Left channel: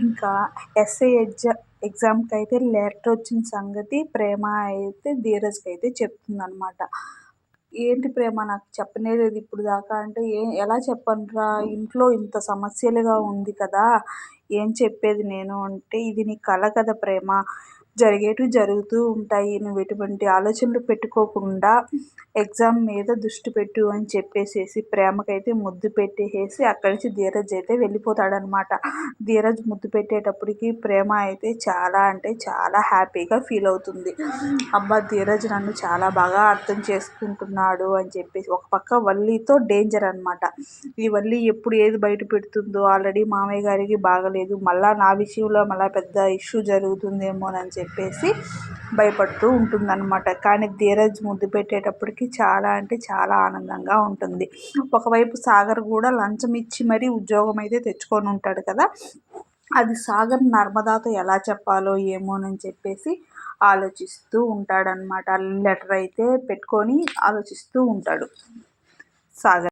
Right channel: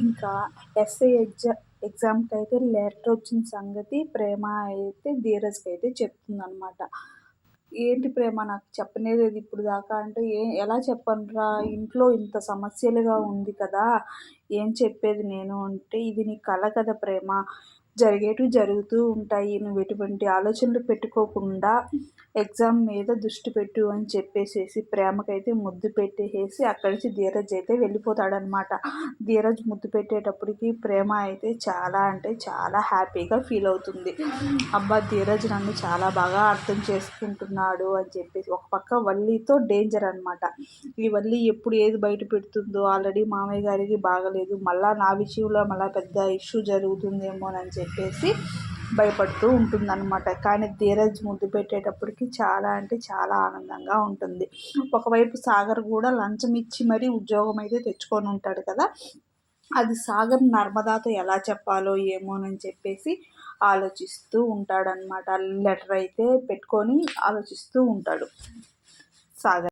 ఇంకా ఎస్ఏ ఎగ్జా ఎగ్జామ్కి అయితే లెటర్ వచ్చిన సంగతి ప్రేమ అయితే ధీరజ్కి అయితే చెప్తుందనమాట ఏంటి ప్రేమ? నాకు చెప్పనే లేదు ఇప్పుడు దాకా అంటే ఏ ఎలా చెప్పనురా? ఇంట్లో ఇంత సమస్యలుగా ఉంది కదా ఏం చెప్పేది నేను అంటే ఇది నీ కళ కదా ప్రేమ. జరిగేటివి జరుగుతూ ఉంటాయి. నువ్వు ఎటువంటి ఆలోచనలు పెట్టుకోకుండా ఎగ్జామ్ మీద దృష్టి పెట్టు అని చెప్పేసేసి ప్రేమకైతే ముద్దు పెట్టేసేసి అక్కడి నుంచి ధీరజ్ అయితే వెళ్ళిపోతాడనమాట. ధీరజ్ ముద్దు పెట్టేటప్పటికి ప్రేమ అయితే చాలా అంటే చాలా హ్యాపీగా ఫీల్ అవుతుంది. అబ్బా ధీరజ్ నన్ను చాలా బాగా అర్థం చేసుకుంటున్నాడు అని చెప్పేసి ఒక పక్క వల్లితో డేంజర్ అనమాట. ఈ వల్లి ఎప్పుడు ఏది బయట పెడుతుందో ఆల్రెడీ మామయ్య గారికి బాగలేదు. మళ్ళీ నా విషయంలో మళ్ళీ పెద్ద ఇష్యూ జరుగుతుందేమోనని చెప్పేసి భయపడుతూ ఉంటుందన్నమాట. కానీ ధీరజ్ ముద్దు పెట్టేటప్పటికి చాలా అంటే చాలా ఆనందంగా ఉంటుంది. ఒకవైపు సాగర్ కూడా లంచం ఇచ్చి మరీ ఉద్యోగం అయితే తెచ్చుకొని ఉంటాడు కదా. అది సాగర్ నర్మదాతో ఎలా చెప్పాలో ఏమోనని చెప్పేసి ఆలోచిస్తూ ఉంటాడనమాట లెటర్ అయితే పెట్టుకొని ఆలోచిస్తూ ఉంటాడు సాగర్.